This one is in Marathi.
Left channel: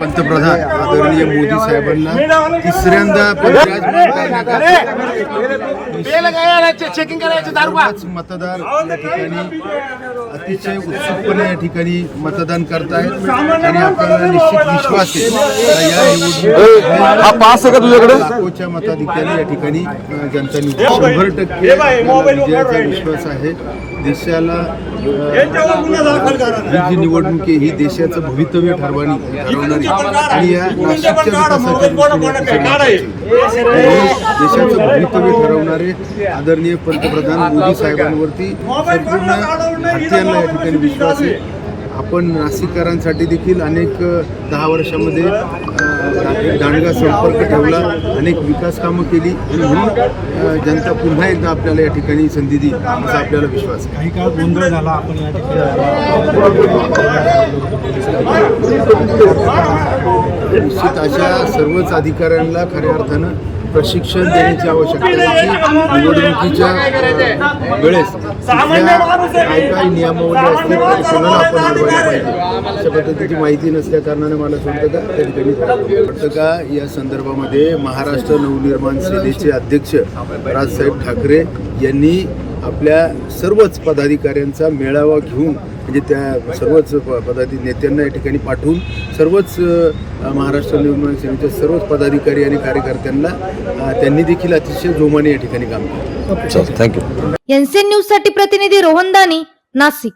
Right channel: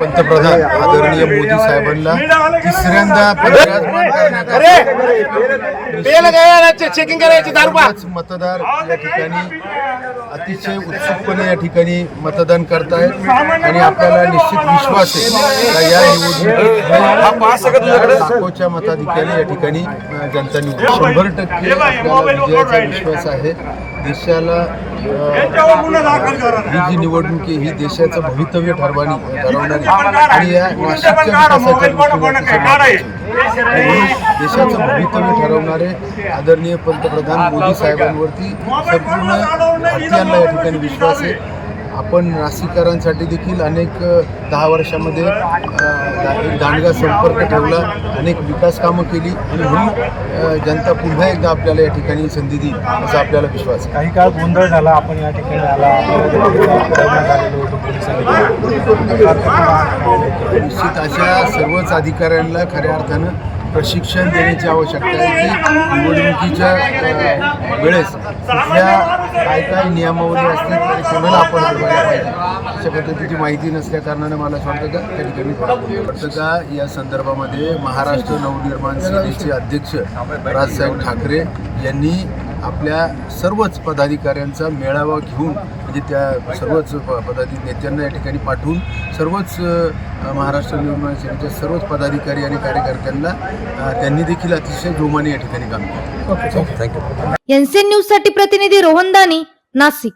पंतप्रधान आदरणीय मोदी साहेबांना तिसऱ्यांदा विराजमान करण्याकरता मतदार या ठिकाणी अतिशय उत्सुकपणे या ठिकाणी मतदान करतायत आणि आपल्याला निश्चित विश्वास आहे का या निवडणुकीत लाखोच्या मताधिक्याने या ठिकाणी जनता निवडून 100% विजयाचा विश्वास आहे. देशाला ही जी निवडणूक आहे ही देशाचं भवितव्य ठरवणारी आणि या नाशिकच्या विकासाच्या देशाचं भवितव्य ठरवणारे आदरणीय पंतप्रधान मोदी साहेबांवरती संपूर्ण भारतीयांना या ठिकाणी विश्वास आहे. आपण नाशिककरांसाठी देखील अनेक 10 वर्षामध्ये दांडगा संपर्क ठेवला, अनेक विकास कामं केली आणि म्हणून जनता पुन्हा एकदा आपल्याला या ठिकाणी संधी देईल असा आपल्याला विश्वास आहे. काही काळ गोंधळ झाला, आपण या ठिकाणी निश्चित अशा सर्वच अधिकाऱ्यांना खऱ्या अर्थानं प्रशिक्षण देण्याची आवश्यकता आहे की निवडणुकीच्या वेळेस कुठल्या काय नियमावली असतील तरी कोणाला आपण अडवायला पाहिजे अशा पद्धतीची माहिती नसल्या कारणानं मला असं वाटतं का त्या ठिकाणी वाटतं का या संदर्भामध्ये महाराष्ट्र नवनिर्माण सेनेचे अध्यक्ष राजसाहेब ठाकरे यांनी आपल्या सर्वच पदाधिकाऱ्यांचा मेळावा घेऊन म्हणजे त्या सर्वच नेत्यांना या ठिकाणी पाठवून सर्वच महाराष्ट्र नवनिर्माण सेनेच्या सर्वच पदाधिकारी आणि कार्यकर्त्यांना त्यांनी देखील अतिशय जोमाने या ठिकाणी काम केलं. थँक्यू. एनसीएन न्यूज साठी प्रतिनिधी रोहन दानी, नाशिक.